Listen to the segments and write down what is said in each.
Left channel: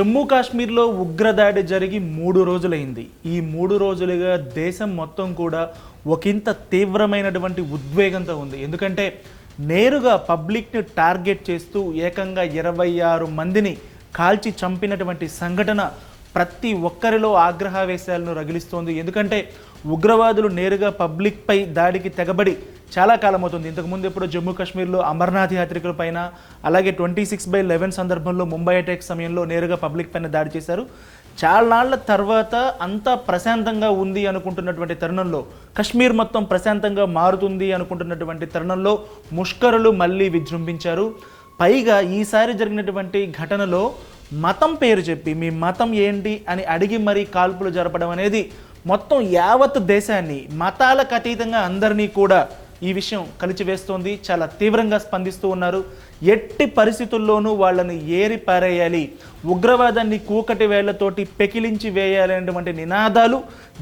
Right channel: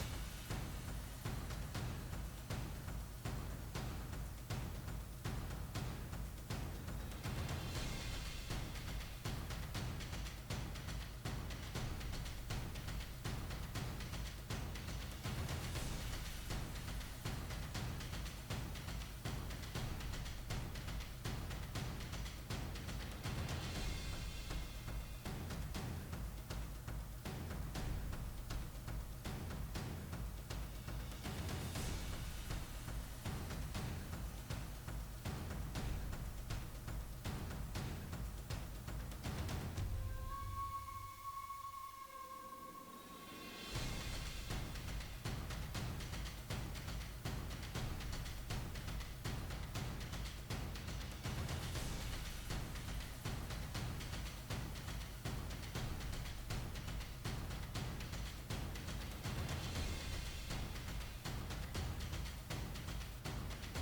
జమ్మూ కాశ్మీర్లో ఉగ్రదాడి జరిగి 3 రోజులైంది. ఈ 3 రోజులుగా దేశం మొత్తం కూడా ఒకంత తీవ్రమైనటువంటి ఉద్వేగంతో ఉంది. ఎందుకంటే నేరుగా పబ్లిక్ని టార్గెట్ చేస్తూ ఏకంగా 26 మందిని కాల్చి చంపినటువంటి సంఘటన ప్రతి ఒక్కరిలో ఆగ్రహావేశాలను రగిలిస్తోంది. ఎందుకంటే ఉగ్రవాదులు నేరుగా పబ్లిక్పై దాడికి తెగబడి చాలా కాలం అవుతుంది. ఇంతకుముందు ఎప్పుడు జమ్మూ కాశ్మీర్లో అమర్నాథ్ యాత్రికుల పైన, అలాగే 26/11 సందర్భంలో ముంబై అటాక్ సమయంలో నేరుగా పబ్లిక్ పైన దాడి చేశారు. చాలా నాళ్ల తర్వాత అంతా ప్రశాంతంగా ఉంది అనుకుంటున్నటువంటి తరుణంలో, కశ్మీర్ మొత్తం ప్రశాంతంగా మారుతుంది అనుకుంటున్నటువంటి తరుణంలో ముష్కరులు మళ్ళీ విజృంభించారు. పైగా ఈసారి జరిగినటువంటి ఘటనలో మతం పేరు చెప్పి మీ మతం ఏంటి అని అడిగి మరీ కాల్పులు జరపడం అనేది మొత్తం యావత్ దేశాన్ని, మతాలకు అతీతంగా అందరినీ కూడా ఈ విషయం కలిచివేస్తోంది. చాలా తీవ్రంగా స్పందిస్తూ ఉన్నారు. ఎట్టి పరిస్థితుల్లోనూ వాళ్ళని ఏరి పారేయాలి, ఉగ్రవాదాన్ని కూకటి వేళ్లతోటి పెకిలించి వేయాలి అనేటువంటి నినాదాలు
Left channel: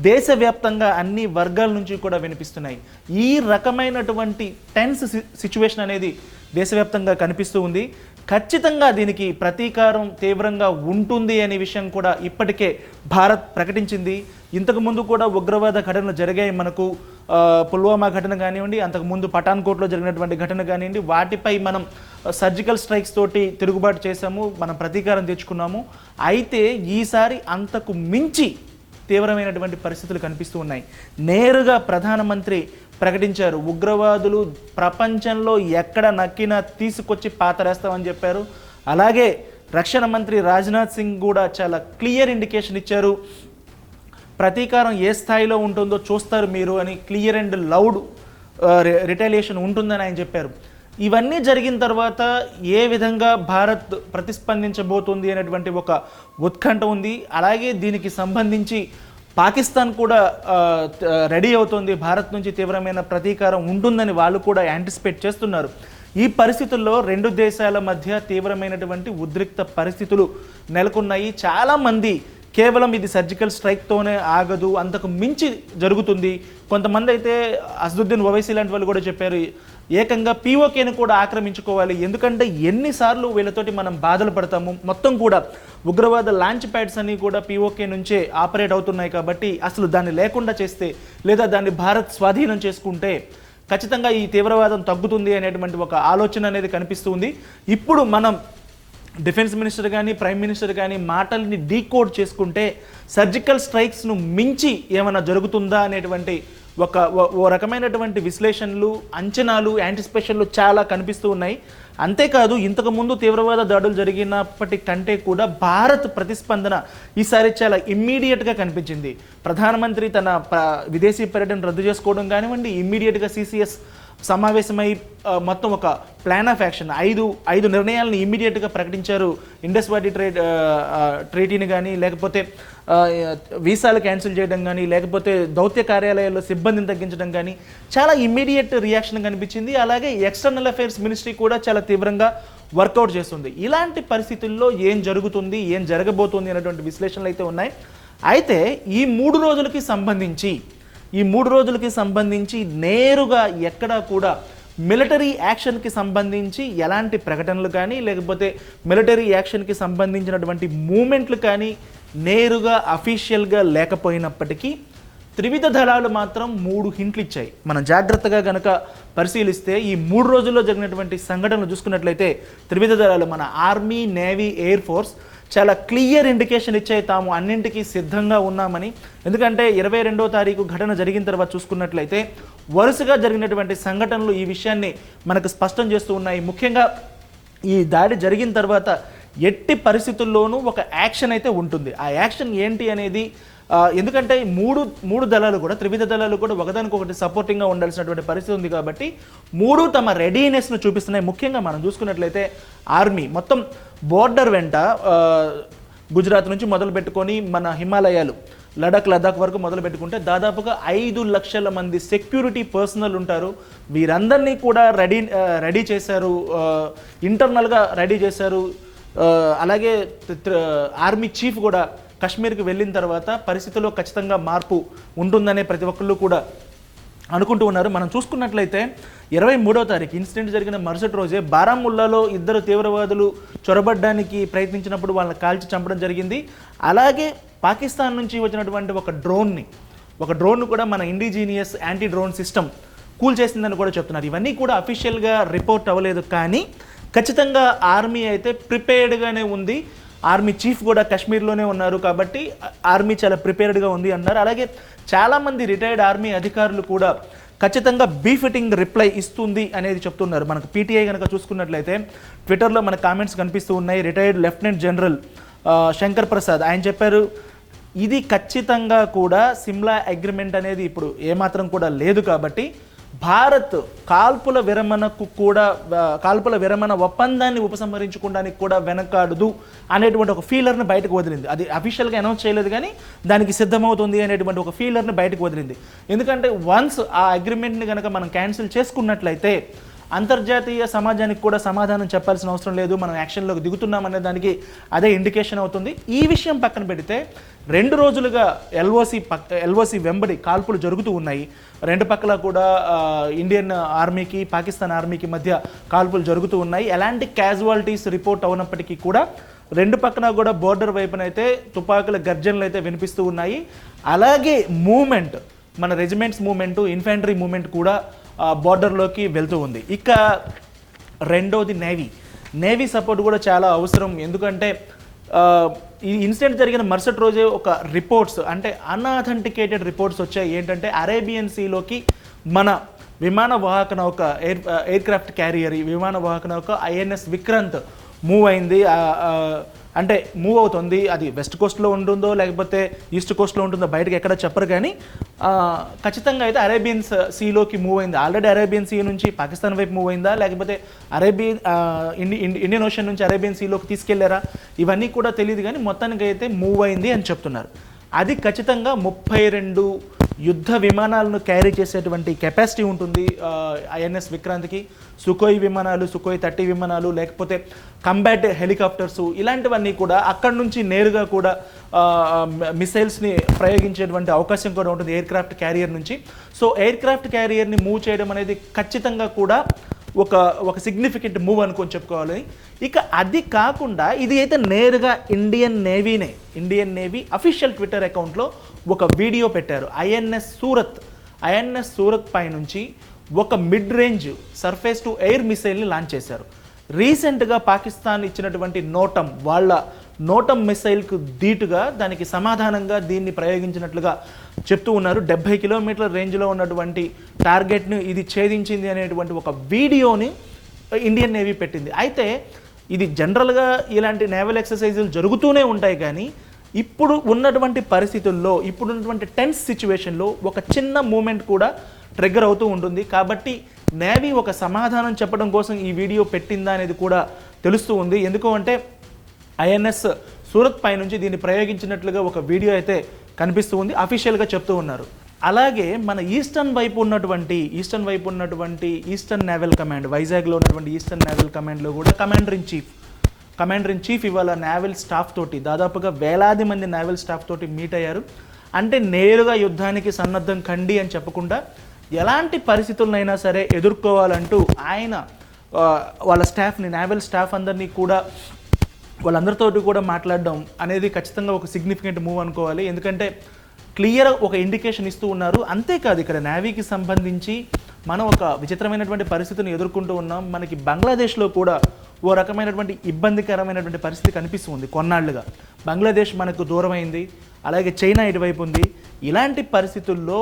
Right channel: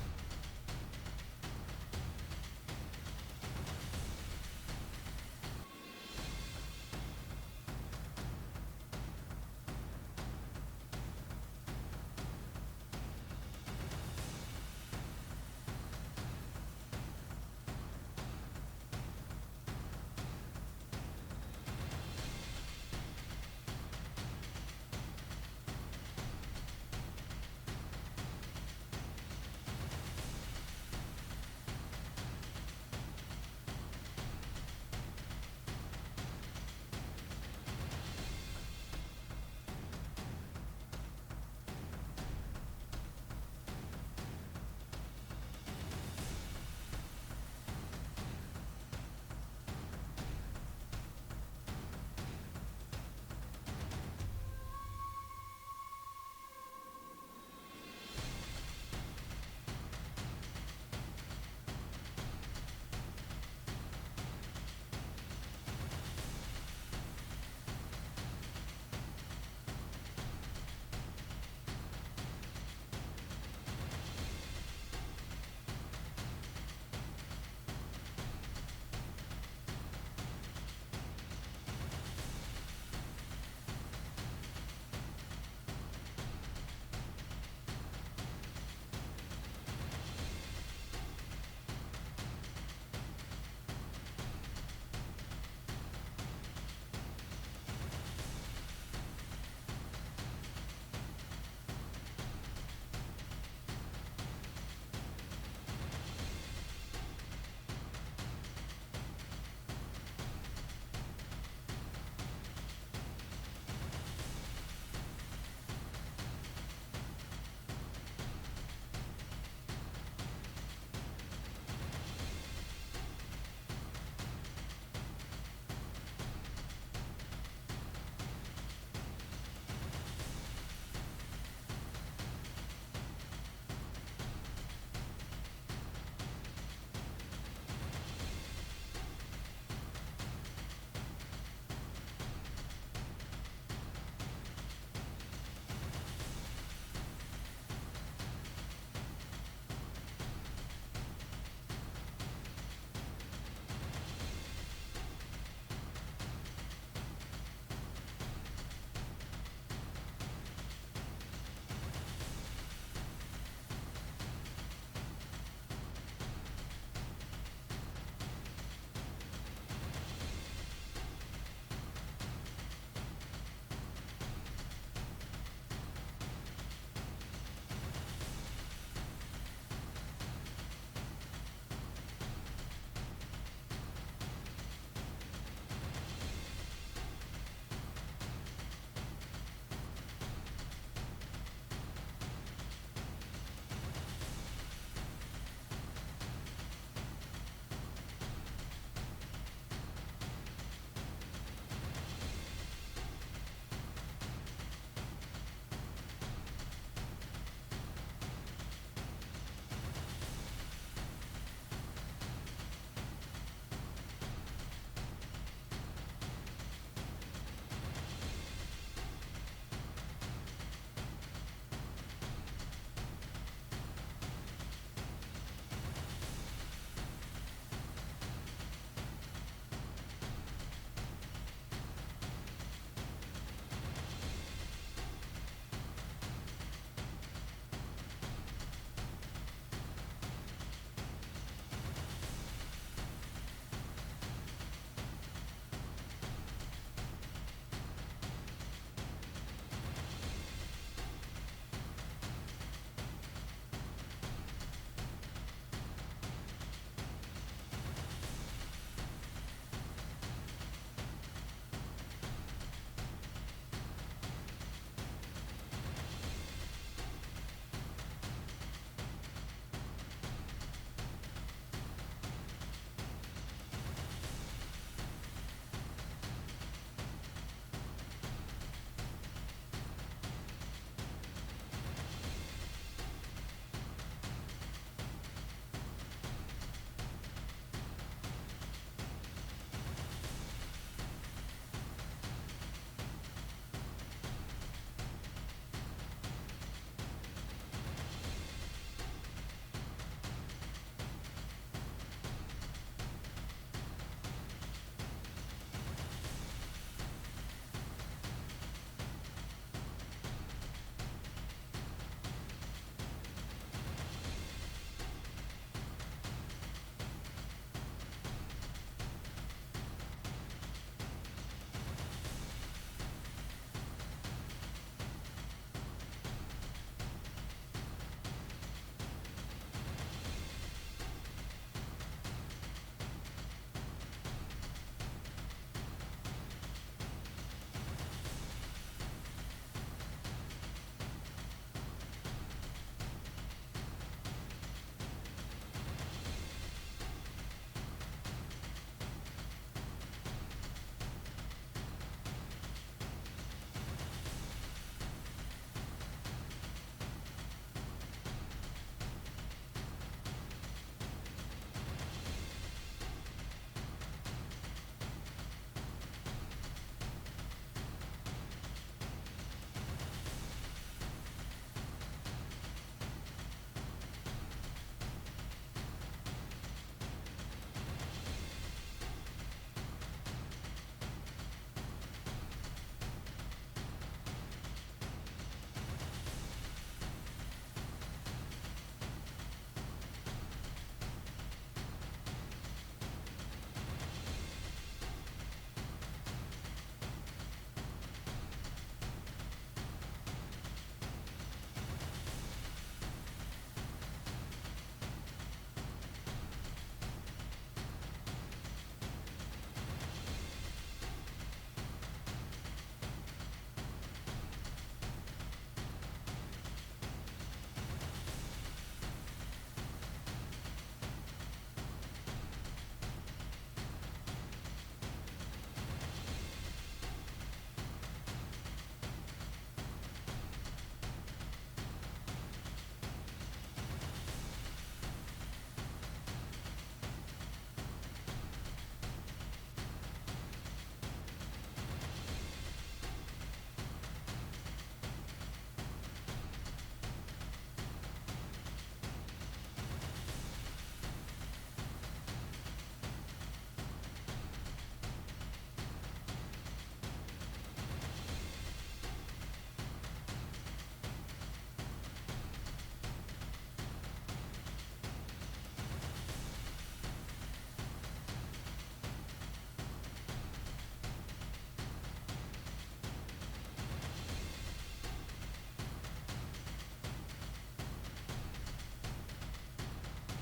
దేశవ్యాప్తంగా అన్ని వర్గాల నుంచి కూడా వినిపిస్తున్నాయి. ఈ రకమైనటువంటి టెన్స్ సిచ్యువేషన్ అనేది దేశవ్యాప్తంగా కనిపిస్తూ ఉంది. ఖచ్చితంగా దీనికి ప్రతీకారం తీవ్రంగా ఉంటుంది అనే విషయం కూడా ఇప్పటికే భారత్ ప్రకటించింది. ఇంతకుముందు కూడా ఉగ్రవాద ఘటనలు జరిగాయి. మనకు పుల్వామా ఘటన కానివ్వండి, అంతకుముందు పఠాన్కోట్లో జరిగినటువంటి ఘటన కానివ్వండి, వాటిపై మనం సర్జికల్ స్ట్రైక్స్ తోటి తిరుగుబాటు చేశాము, మనం ప్రతీకారం తెచ్చుకున్నాము. అయితే ఈసారి అంతకు మించి తీవ్రమైనటువంటి పరిస్థితులు కనిపిస్తూ ఉన్నాయి. నేరుగా ప్రధానమంత్రి ప్రకటించారు, ఉగ్రవాదులు ప్రపంచంలో ఎక్కడ నక్కినా తీసుకొచ్చి పాతరేస్తామని చెప్పారు. అలాగే రక్షణ మంత్రి రాజ్నాథ్ సింగ్ కూడా చాలా క్లియర్ ఇండికేషన్ ఇచ్చారు, ప్రతీకారం ఏ స్థాయిలో ఉంటుందో చూస్తారు మీరు అని. క్లియర్ అండ్ లౌడ్ రిటాలియేషన్ ఉంటుందని ఆయన చెప్పారు. ఇవన్నీ జరిగిన తర్వాత ఏ విధంగా భారత్ ప్రతిస్పందించబోతుంది అనేటువంటి ఒక ఉత్కంఠ ఉంది. అలాగే దీనికి సంబంధించి పాకిస్తాన్ కూడా రెడీ అవుతుంది, భారత్ నుంచి తీవ్రమైన ప్రతీకారం ఉంటుందని వాళ్ళు కూడా యాంటిసిపేట్ చేస్తున్నారు. ఈ పరిస్థితుల్లో రెండు దేశాల మధ్య తీవ్రమైనటువంటి ఉద్రిక్త పరిస్థితులు నెలకొన్నాయి. చాలామంది కేవలం ఇది సర్జికల్ స్ట్రైక్తోనే ఆగదు, అంతకు మించి జరుగుతుంది. కొంతమంది అయితే అసదుద్దీన్ ఓవైసీ లాంటి వాళ్ళు కూడా చెప్పారు, ఏకంగా పీఓకేని కూడా ఆక్రమించుకోవాలి. ఎందుకంటే ఎన్నిసార్లు వీళ్ళతోటి మనం బాధలు పడతాము, మొత్తం కూడా ఉగ్రవాద లాంచ్ ప్యాడ్స్ అన్నీ కూడా పీఓకే నుంచే ఆపరేట్ అవుతున్నాయి. కాబట్టి అసలు దాన్ని లేకుండా చేస్తే, లేదా దాన్ని భారత్ స్వాధీనం చేసుకుంటే ఖచ్చితంగా ఈ తీవ్రవాదం తగ్గుతుంది అనేటువంటి ఒక ఆలోచన అనేది కనిపిస్తుంది. ఇప్పుడు మనం డిఫెన్స్ మినిస్టర్ కానీ, ప్రైమ్ మినిస్టర్ కానీ మాటల్ని డీకోడ్ చేసుకుంటే సర్జికల్ స్ట్రైక్స్ను మించి ఏమైనా జరుగుతుందా అనేటువంటి ఓ రకమైనటువంటి విశ్లేషణలు, అంచనాలు, యాంటిసిపేషన్లు చాలా కనిపిస్తూ ఉన్నాయి. అంతేకాదు, ఇంతకుముందు తీవ్రవాద దాడులు జరిగినప్పటికంటే కూడా భారత్ ప్రతిస్పందన ఈసారి చాలా ఇమ్మీడియట్గా కనిపించింది. ప్రధానమంత్రి తన విదేశీ పర్యటన రద్దు చేసుకోవడం కానివ్వండి, ఇమ్మీడియట్గా CCS సమావేశమై మొత్తం ఒక ప్లాన్ ఆఫ్ యాక్షన్ ఐదు నిర్ణయాలను ఇమ్మీడియట్గా ప్రకటించారు. ఇండస్ వాటీ ట్రీటీని కానీ, లేకపోతే వీసాలు క్యాన్సిల్ చేయడం కానీ, లేకపోతే దౌత్య కార్యాలయాల్లో సిబ్బందిని తగ్గించడం కానీ చాలా ఇమ్మీడియట్ రియాక్షన్ కనిపించింది. అలాగే ఎక్స్టర్నల్ అఫైర్స్ మినిస్ట్రీ కూడా చాలా తీవ్రంగా వర్కౌట్ చేస్తుంది. ఇలాంటి పరిస్థితుల్లో ఏం జరుగుతుంది, ఏం జరగబోతుంది అనేటువంటి విశ్లేషణలు అయితే ఉన్నాయి. అయితే ఈ 3 రోజులకి సంబంధించి నేరుగా ఎక్కడా కూడా మిలిటరీ యాక్షన్కి సంబంధించి ఎలాంటి ప్రకటనలు కానీ, లేకపోతే మిలిటరీ యాక్షన్కి సంబంధించినటువంటి మూమెంట్లు కానీ నేరుగా అఫీషియల్గా లేకపోయినప్పటికీ త్రివిధ దళాలు మాత్రం 3 హింట్లు ఇచ్చాయి. మనం జాగ్రత్తగా కనుక పరిశీలిస్తే ఈ 3 రోజుల్లో జరిగినటువంటి సంఘటనలు చూసుకున్నట్లయితే త్రివిధ దళాలు, మన ఆర్మీ, నేవీ, ఎయిర్ ఫోర్స్ చాలా క్లియర్ ఇండికేషన్ ఇచ్చాయి, తాము అన్నింటికీ సిద్ధంగా ఉన్నామని. ఎందుకంటే 22వ తారీఖు ఘటన జరిగిన తర్వాత చూసుకున్నట్లయితే వరుసగా జరిగినటువంటి సంఘటనలు ఈ విషయాన్ని మనకు స్పష్టం చేస్తూ ఉన్నాయి. ముఖ్యంగా ఈ దాడి జరిగిన తర్వాత ఎట్టి పరిస్థితుల్లోనూ ఒక యాక్షన్ అయితే ఉంటుంది. ఆ యాక్షన్ ఏంటి అనేది, ఎందుకంటే మూడు దళాలు కూడా, త్రివిధ దళాలు కూడా ఒకదానికొకటి సపోర్టింగ్గా ఉండాల్సినటువంటి పరిస్థితి ఉంది. కాబట్టి 3 తమ రెడీనెస్ను చూపిస్తున్నాయి. ముఖ్యంగా మనం చూసుకున్నట్లయితే ఆర్మీ మొత్తం బోర్డర్ వెంట గుజరాత్ నుంచి మొదలు పెట్టుకొని మన హిమాలయాలు, లడాక్ వరకు మొదలు పెట్టుకుంటే దాదాపుగా 5 లక్షల మంది సెక్యూరిటీ పర్సనల్ ఉంటారు. వీరందరినీ కూడా రెడీ చేశారు, ఇంటర్నల్గా రెడీ చేశారు. అలాగే ఆర్మీ చీఫ్ కూడా కాశ్మీర్కి వెళ్ళిన తర్వాత పరిస్థితుల్లో ఖచ్చితంగా మార్పు ఉంటుందనే ప్రతి ఒక్కళ్ళు కూడా అనుకుంటూ ఉన్నారు. మనం చూసుకున్నట్లయితే 23వ తారీఖు ఇన్సిడెంట్ జరిగిన మరుసటి రోజే బారాముల్లాలో ఇద్దరు తీవ్రవాదులు చొరబడ్డానికి ప్రయత్నించినప్పుడు వాళ్ళని కాల్చి చంపడం జరిగింది. అలాగే పాకిస్తాన్ నుంచి వచ్చినటువంటి ఒక డ్రోన్ కూడా మన indigenous anti drone system cool చేసిందని కూడా చెప్తున్నారు. ఇవన్నీ కూడా అఫీషియల్గా రిపోర్ట్ అవ్వలేదు, కానీ ఖచ్చితంగా ఆర్మీ అయితే ప్రిపేర్డ్గానే ఉంది. ఆర్మీ చీఫ్ కూడా కాశ్మీర్లోనే ఉన్నారు కాబట్టి ఆర్మీ చాలా ప్రిపేర్డ్గా ఉంది అన్నారు. అలాగే చాలామంది రిటైర్డ్ ఆర్మీ అధికారులు కూడా ఖచ్చితంగా బీఫిటింగ్ రిప్లై ఇస్తుంది అనేది చెప్తున్నారు. మనకు పీటీఐ కనుక చూసుకున్నట్లయితే ట్విట్టర్లో మన కామెంట్స్ కనిపిస్తూ ఉన్నాయి. Retired lieutenant general Shankar Prasad ఆయన చెప్పారు, ఇది ఖచ్చితంగా కూడా సిమ్లా అగ్రిమెంట్ అనేది ఇప్పుడు ఏమాత్రం కూడా లేదు కాబట్టి భారత్ కాల్పుల విరమణ ఒప్పందాన్ని ఉపసంహరించుకోవడానికి కూడా వెనకాడదు అనేటువంటి ఒక ఫీలర్ని బయటకు వదిలింది. అది అఫీషియల్గా అనౌన్స్ చేయలేదు, కానీ దానికి సిద్ధమవుతుంది అనేటువంటి ఒక ఫీలర్ని బయటకు వదిలింది. ఎందుకంటే వన్స్ ఆ అగ్రిమెంట్ని కనుక మనం క్యాన్సిల్ చేసుకున్నట్లయితే అంతర్జాతీయ సమాజానికి కూడా సమాధానం చెప్పాల్సిన అవసరం లేదు, మనం యాక్షన్లోకి దిగుతున్నామనే దానికి అదే ఇండికేషన్ అవుతుంది. ఈ విషయం పక్కన పెడితే 2 రోజులుగా ఎల్ఓసి వెంబడి కాల్పులు జరుగుతూ ఉన్నాయి. 2 పక్కల కూడా ఇండియన్ ఆర్మీకి పాకిస్తాన్ ఆర్మీకి మధ్య కాల్పులు జరుగుతూ ఉన్నాయి. ఎలాంటి క్యాజువాలిటీస్ రిపోర్ట్ అవునప్పటికీ కూడా 2 పక్కన కూడా బోర్డర్ వైపునైతే తుపాకుల గర్జనలు అయితే వినిపిస్తూ ఉన్నాయి. అలాగే మూమెంట్, మన రెజిమెంట్స్ మూమెంట్, ఇన్ఫెంట్రీ మూమెంట్ కూడా బార్డర్లోకి వెళ్తూ ఉంది. ఇక రెండోది నేవీ సపోర్ట్ కూడా చాలా అవసరం. ఎందుకంటే ఈ ఇన్సిడెంట్ జరిగిన మరుసటి రోజే ఒక రిపోర్ట్స్, అంటే అన్అథెంటికేటెడ్ రిపోర్ట్స్ వచ్చాయి. ఏంటంటే అరేబియన్ సీలోకి మన విమాన వాహక నౌక ఎయిర్క్రాఫ్ట్ క్యారియర్ విమాన వాహక నౌక ఐఎన్ఎస్ విక్రాంత్ మూవ్ అయింది, అంటే మూవ్ అవుతుంది. అది వెస్ట్ కోస్ట్లో ఉంటుందో లేకపోతే ఈస్ట్ కోస్ట్లో ఉంటుందో బయటకు ఎక్కడ చెప్పరు, కానీ ఖచ్చితంగా అయితే అరేబియన్ సీలోకి మూవ్ అయింది. ఆల్రెడీ అరేబియన్ సీ నుంచి పాకిస్తాన్ వైపు మూవ్ అయిందా, లేకపోతే ఇండియన్ ఓషన్ నుంచి అరేబియన్ సీలోకి తీసుకెళ్లారా, ఇవన్నీ కూడా తెలియదు, కానీ మొత్తానికి అయితే మూవ్ అయింది అని చెప్తున్నారు. అది ఖచ్చితంగా 32 యుద్ధ విమానాలను క్యారీ చేసేటువంటి కెపాసిటీ ఉంటుంది ఐఎన్ఎస్ విక్రాంత్కి. సుకోయ్ విమానాలు, సుకోయ్ 30 విమానాలు, లేకపోతే కంబాట్ హెలికాప్టర్స్, ఇలాంటివన్నీ కూడా అక్కడి నుంచి నేరుగా కూడా మిసైల్స్ని ప్రయోగించేటువంటి అవకాశం కూడా ఉంటుంది ఎయిర్క్రాఫ్ట్ క్యారియర్ నుంచి. సో ఎయిర్క్రాఫ్ట్ క్యారియర్ని మూవ్ చేయడం అనేది ఖచ్చితంగా కూడా ఒక సిగ్నిఫికెంట్ మూవ్ అనుకొని చెప్పుకోవాలి. ఇక అది కాకుండా ఇది అయితే నేరుగా ఇండియన్ నేవీ అఫీషియల్ ట్విట్టర్ అకౌంట్లో ఒక వీడియో పెట్టారు. ఐఎన్ఎస్ సూరత్ పై నుంచి ఒక mid range surface to air మిసైల్ని లాంచ్ చేశారు. రీసెంట్గా పాకిస్తాన్ ఇచ్చినటువంటి వాళ్ళ నోటం మిసైల్కు ధీటుగా దానికి సమాధానంగా దీన్ని ప్రయోగించినట్లుగా చెప్తూ ఉన్నారు. 70 కిలోమీటర్ల రేంజ్లో ఉన్నటువంటి టార్గెట్ను ఇది ఛేదించింది అనేటువంటి ఒక వీడియోని ఇండియన్ నేవీ పెట్టింది. అయితే ఇది జనరల్గా ఇలాంటి నేవల్ ఎక్సర్సైజులు జరుగుతూనే ఉంటాయి, కానీ ఇప్పుడు ఉన్నటువంటి పరిస్థితుల్లో, ఇప్పుడున్నటువంటి టెన్స్ సిచ్యువేషన్లో ఒక చిన్న మూమెంట్ కూడా ట్రిగ్గర్ అవుతూ ఉంటుంది. కాబట్టి నేవీ ఒక సమాధానం చెప్పడం కోసం ఈ వీడియో పెట్టిందా అనేది కూడా తెలుస్తూ ఉంది. ఎందుకు అంటే ఐఎన్ఎస్ సూరత్ పై నుంచి దీన్ని ప్రయోగించినట్లుగా ఒక వీడియో అయితే కనిపిస్తూ ఉంది, అఫీషియల్గా చెప్తూ ఉన్నారు. అలాగే మన ఈస్టర్న్ వైపు ఉన్నటువంటి ఈస్టర్న్ నేవల్ కమాండ్, వైజాగ్లో ఉన్నటువంటి ఈస్టర్న్ నేవల్ కమాండ్లో కూడా కమాండర్ ఇన్ చీఫ్ ఇవాళ నేవల్ స్టాఫ్ తోటి దాదాపుగా వేలాది మంది నేవల్ స్టాఫ్ తోటి మీట్ అయ్యారు. అంటే నేరుగా యుద్ధానికి సన్నద్ధం కండి అని చెప్పకుండా ఎలాంటి పరిస్థితులనైనా సరే ఎదుర్కోవాలంటూ ఆయన వాళ్ళ స్టాఫ్ని, నేవల్ స్టాఫ్ అందరినీ కూడా వాళ్ళందరితోటి కూడా మాట్లాడడం అనేది ఖచ్చితంగా ఒక సిగ్నిఫికెంట్ మూవ్ అనుకోవాలి. ఎందుకంటే క్లియర్ ఒక ఇండికేషన్ ఇస్తూ ఉన్నారు. అంతేకాదు ఇక్కడ నేవీకి సంబంధించి మనం ఒక విచిత్రమైనటువంటి పరిస్థితిని ఎదుర్కొంటూ ఉన్నాం. మనకి బంగ్లాదేశ్లో కూడా ఓ రకమైనటువంటి ఇబ్బందికరమైనటువంటి పరిస్థితి కనిపిస్తుంది. కొన్నాళ్లుగా బంగ్లాదేశ్ మనకు దూరమైంది, అలాగే చైనా ఇటువైపు ఉంది. ఇలాంటి పరిస్థితుల్లో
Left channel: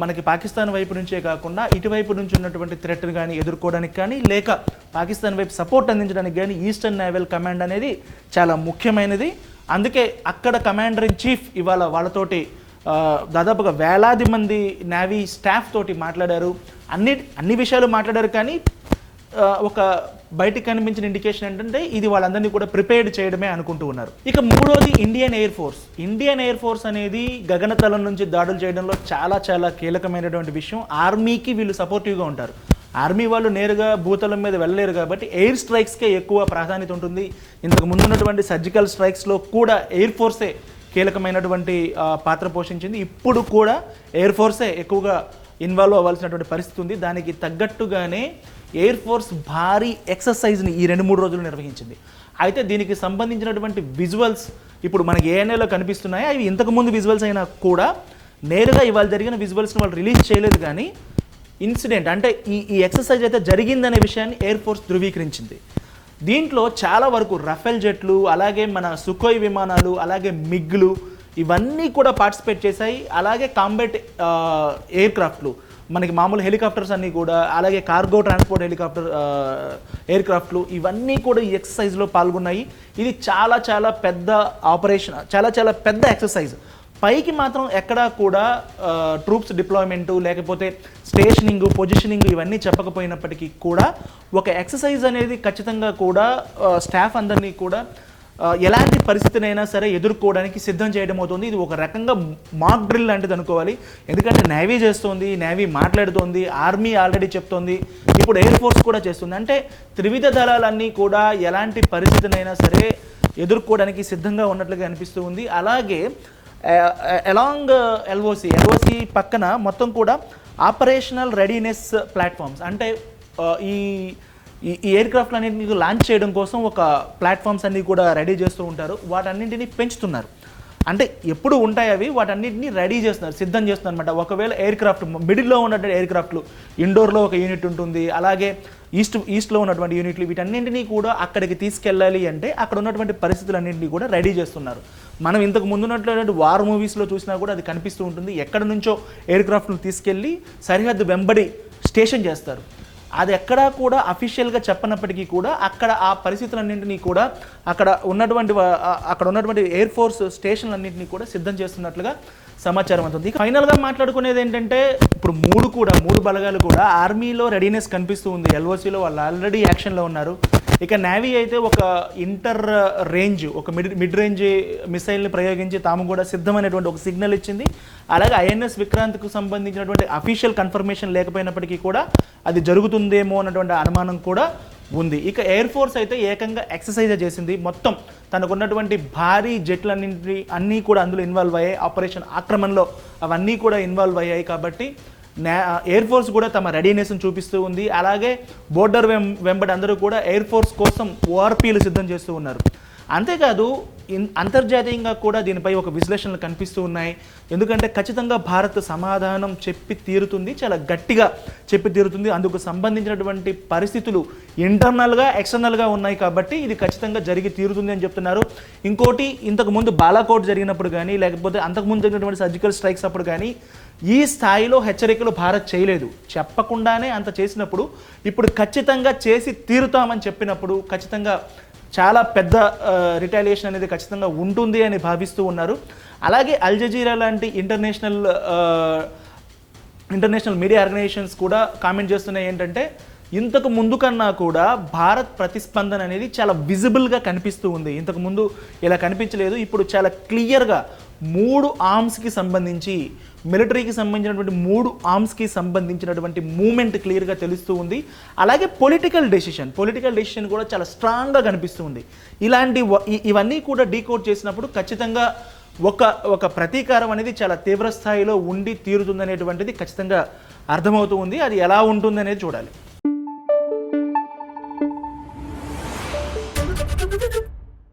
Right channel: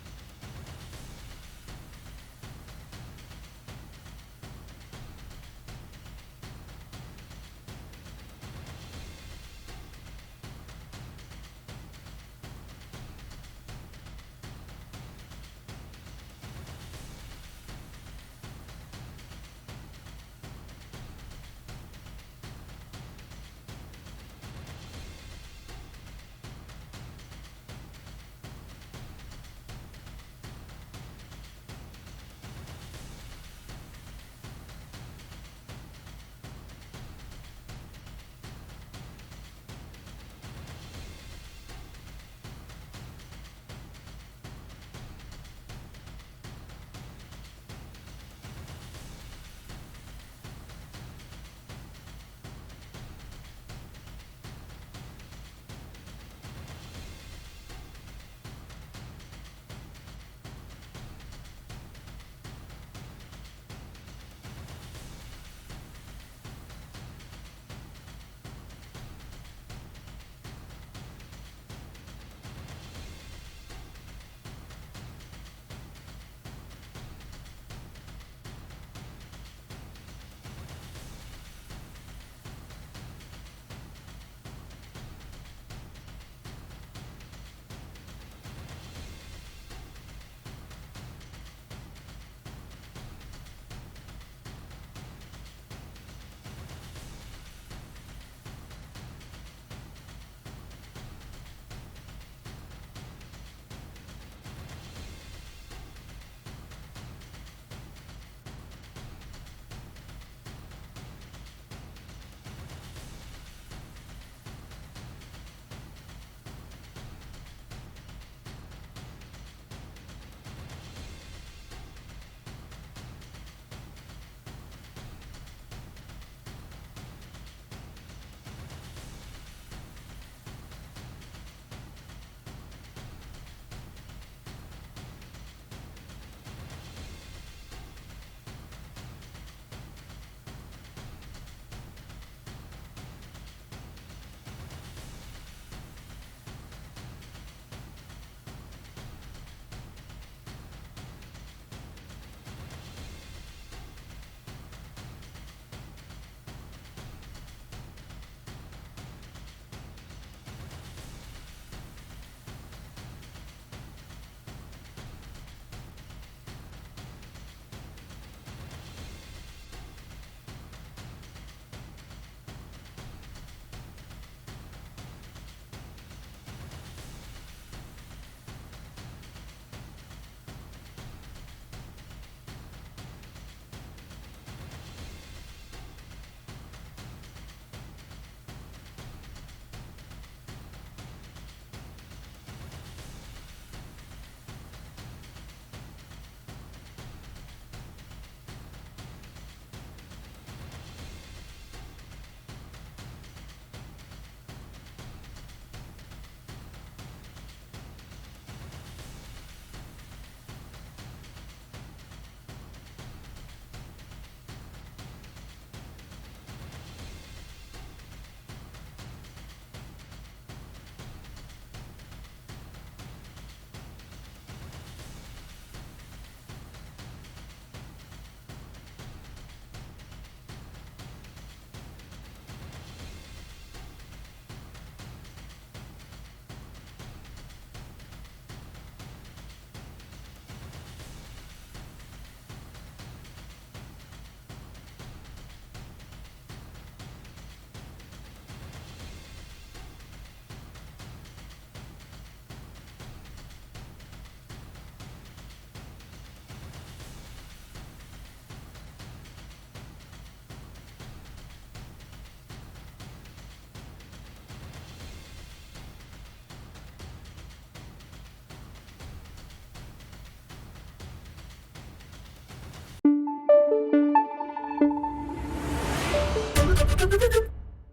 మనకి పాకిస్తాన్ వైపు నుంచే కాకుండా ఇటువైపు నుంచి ఉన్నటువంటి థ్రెట్ని కానీ ఎదుర్కోవడానికి కానీ, లేక పాకిస్తాన్ వైపు సపోర్ట్ అందించడానికి కానీ ఈస్టర్న్ నేవల్ కమాండ్ అనేది చాలా ముఖ్యమైనది. అందుకే అక్కడ కమాండర్ ఇన్ చీఫ్ ఇవాళ వాళ్ళతోటి దాదాపుగా వేలాది మంది నేవీ స్టాఫ్ తోటి మాట్లాడారు. అన్ని విషయాలు మాట్లాడారు, కానీ ఒక బయటికి కనిపించిన ఇండికేషన్ ఏంటంటే ఇది వాళ్ళందరినీ కూడా ప్రిపేర్డ్ చేయడమే అనుకుంటూ ఉన్నారు. ఇక మూడోది ఇండియన్ ఎయిర్ ఫోర్స్ అనేది గగనతలం నుంచి దాడులు చేయడంలో చాలా చాలా కీలకమైనటువంటి విషయం. ఆర్మీకి వీళ్ళు సపోర్టివ్గా ఉంటారు. ఆర్మీ వాళ్ళు నేరుగా భూతలం మీద వెళ్ళలేరు కాబట్టి ఎయిర్ స్ట్రైక్స్కే ఎక్కువ ప్రాధాన్యత ఉంటుంది. ఇంతకు ముందు ఉన్నటువంటి సర్జికల్ స్ట్రైక్స్లో కూడా ఎయిర్ ఫోర్సే కీలకమైనటువంటి పాత్ర పోషించింది. ఇప్పుడు కూడా ఎయిర్ ఫోర్సే ఎక్కువగా ఇన్వాల్వ్ అవ్వాల్సినటువంటి పరిస్థితి ఉంది. దానికి తగ్గట్టుగానే ఎయిర్ ఫోర్స్ భారీ ఎక్సర్సైజ్ని ఈ 2-3 రోజులు నిర్వహించింది. అయితే దీనికి సంబంధించినటువంటి విజువల్స్ ఇప్పుడు మనకి ఏఎన్ఏలో కనిపిస్తున్నాయి. అవి ఇంతకుముందు విజువల్స్ అయినా కూడా నేరుగా ఇవాళ జరిగిన విజువల్స్ని వాళ్ళు రిలీజ్ చేయలేదు. కానీ ఇన్సిడెంట్ అంటే ఈ ఎక్సర్సైజ్ అయితే జరిగిందనే విషయాన్ని ఎయిర్ ఫోర్స్ ధృవీకరించింది. దీంట్లో చాలా వరకు రఫేల్ జెట్లు, అలాగే మన సుకోయ్ విమానాలు, అలాగే మిగ్లు ఇవన్నీ కూడా పార్టిసిపేట్ చేశాయి. అలాగే కాంబాట్ ఎయిర్ క్రాఫ్ట్లు, మనకి మామూలు హెలికాప్టర్స్ అన్నీ కూడా, అలాగే కార్గో ట్రాన్స్పోర్ట్ హెలికాప్టర్ ఎయిర్ క్రాఫ్ట్లు ఇవన్నీ కూడా ఈ ఎక్సర్సైజ్లో పాల్గొన్నాయి. ఇది చాలా చాలా పెద్ద ఆపరేషన్, చాలా చాలా పెద్ద ఎక్సర్సైజ్. పైకి మాత్రం ఎక్కడా కూడా ట్రూప్స్ డిప్లాయ్మెంటు లేకపోతే స్టేషనింగ్, పొజిషనింగ్ ఇవన్నీ చెప్పకపోయినప్పటికీ కూడా ఒక ఎక్సర్సైజ్ అనేది ఖచ్చితంగా కూడా స్టాఫ్ అందరినీ కూడా ఎలాంటి పరిస్థితినైనా సరే ఎదుర్కోవడానికి సిద్ధం చేయడం అవుతుంది. ఇది ఒక రకంగా మాక్ డ్రిల్ లాంటిది అనుకోవాలి. ఎందుకంటే నేవీ చేస్తోంది, నేవీ మాట్లాడుతోంది, ఆర్మీ ఆల్రెడీ చెప్తోంది, ఇప్పుడు ఎయిర్ ఫోర్స్ కూడా చేస్తుంది. అంటే త్రివిధ దళాలన్నీ కూడా ఎలాంటి పరిస్థితినైనా సరే ఎదుర్కోవడానికి సిద్ధంగా ఉన్నట్లుగా అనిపిస్తూ ఉంది. అలాగే అలాంగ్ ఎల్ఓసి పక్కన మొత్తం కూడా ఆపరేషనల్ రెడీనెస్ ప్లాట్ఫామ్స్, అంటే ఈ ఎయిర్ క్రాఫ్ట్ అన్నింటినీ లాంచ్ చేయడం కోసం ఒక ప్లాట్ఫామ్స్ అన్నీ కూడా రెడీ చేస్తూ ఉంటారు. వాటన్నింటినీ పెంచుతున్నారు. అంటే ఎప్పుడు ఉంటాయి అవి, వాటన్నింటినీ రెడీ చేస్తున్నారు, సిద్ధం చేస్తున్నారు అనమాట. ఒకవేళ ఎయిర్ క్రాఫ్ట్ మిడిల్లో ఉన్నటువంటి ఎయిర్ క్రాఫ్ట్లు, ఇండోర్లో ఒక యూనిట్ ఉంటుంది, అలాగే ఈస్ట్లో ఉన్నటువంటి యూనిట్లు, వీటన్నింటినీ కూడా అక్కడికి తీసుకెళ్ళాలి అంటే అక్కడ ఉన్నటువంటి పరిస్థితులన్నింటినీ కూడా రెడీ చేస్తున్నారు. మనం ఇంతకు ముందు ఉన్నటువంటి వార్ మూవీస్లో చూసినా కూడా అది కనిపిస్తూ ఉంటుంది. ఎక్కడి నుంచో ఎయిర్ క్రాఫ్ట్ను తీసుకెళ్ళి సరిహద్దు వెంబడి స్టేషన్ చేస్తారు. అది ఎక్కడా కూడా అఫీషియల్గా చెప్పనప్పటికీ కూడా అక్కడ ఆ పరిస్థితులన్నింటినీ కూడా అక్కడ ఉన్నటువంటి ఎయిర్ ఫోర్స్ స్టేషన్లన్నింటినీ కూడా సిద్ధం చేస్తున్నట్లుగా సమాచారం అవుతుంది. ఫైనల్గా మాట్లాడుకునేది ఏంటంటే ఇప్పుడు మూడు బలగాలు కూడా ఆర్మీలో రెడీనెస్ కనిపిస్తూ ఉంది. ఎల్ఓసిలో వాళ్ళు ఆల్రెడీ యాక్షన్లో ఉన్నారు. ఇక నేవీ అయితే ఒక ఇంటర్ రేంజ్, ఒక మిడ్ రేంజ్ మిసైల్ని ప్రయోగించి తాము కూడా సిద్ధమైనటువంటి ఒక సిగ్నల్ ఇచ్చింది. అలాగే ఐఎన్ఎస్ విక్రాంత్కు సంబంధించినటువంటి అఫీషియల్ కన్ఫర్మేషన్ లేకపోయినప్పటికీ కూడా అది జరుగుతుందేమో అన్నటువంటి అనుమానం కూడా ఉంది. ఇక ఎయిర్ ఫోర్స్ అయితే ఏకంగా ఎక్సర్సైజ్ చేసింది. మొత్తం తనకున్నటువంటి భారీ అన్నీ కూడా అందులో ఇన్వాల్వ్ అయ్యాయి. ఆపరేషన్ ఆక్రమణలో అవన్నీ కూడా ఇన్వాల్వ్ అయ్యాయి. కాబట్టి ఎయిర్ ఫోర్స్ కూడా తమ రెడీనెస్ను చూపిస్తూ ఉంది. అలాగే బోర్డర్ వెంబడి అందరూ కూడా ఎయిర్ ఫోర్స్ కోసం ఓఆర్పీలు సిద్ధం చేస్తూ ఉన్నారు. అంతేకాదు అంతర్జాతీయంగా కూడా దీనిపై ఒక విశ్లేషణలు కనిపిస్తూ ఉన్నాయి. ఎందుకంటే ఖచ్చితంగా భారత్ సమాధానం చెప్పి తీరుతుంది, చాలా గట్టిగా చెప్పి తీరుతుంది. అందుకు సంబంధించినటువంటి పరిస్థితులు ఇంటర్నల్గా ఎక్స్టర్నల్గా ఉన్నాయి. కాబట్టి ఇది ఖచ్చితంగా జరిగి తీరుతుంది అని చెప్తున్నారు. ఇంకోటి, ఇంతకుముందు బాలాకోట్ జరిగినప్పుడు కానీ లేకపోతే అంతకుముందు జరిగినటువంటి సర్జికల్ స్ట్రైక్స్ అప్పుడు కానీ ఈ స్థాయిలో హెచ్చరికలు భారత్ చేయలేదు. చెప్పకుండానే అంత చేసినప్పుడు ఇప్పుడు ఖచ్చితంగా చేసి తీరుతామని చెప్పినప్పుడు ఖచ్చితంగా చాలా పెద్ద రిటాలియేషన్ అనేది ఖచ్చితంగా ఉంటుంది అని భావిస్తూ ఉన్నారు. అలాగే అల్ జజీరా లాంటి ఇంటర్నేషనల్ మీడియా ఆర్గనైజేషన్స్ కూడా కామెంట్ చేస్తున్నాయి ఏంటంటే ఇంతకు ముందు కన్నా కూడా భారత్ ప్రతిస్పందన అనేది చాలా విజిబుల్గా కనిపిస్తూ ఉంది. ఇంతకుముందు ఇలా కనిపించలేదు. ఇప్పుడు చాలా క్లియర్గా 3 ఆర్మ్స్కి సంబంధించి, మిలిటరీకి సంబంధించినటువంటి 3 ఆర్మ్స్కి సంబంధించినటువంటి మూమెంట్ క్లియర్గా తెలుస్తూ ఉంది. అలాగే పొలిటికల్ డెసిషన్ కూడా చాలా స్ట్రాంగ్గా కనిపిస్తూ ఉంది. ఇవన్నీ కూడా డీకోడ్ చేసినప్పుడు ఖచ్చితంగా ఒక ప్రతీకారం అనేది చాలా తీవ్ర స్థాయిలో ఉండి తీరుతుందనేటువంటిది ఖచ్చితంగా అర్థమవుతూ ఉంది. అది ఎలా ఉంటుంది అనేది చూడాలి.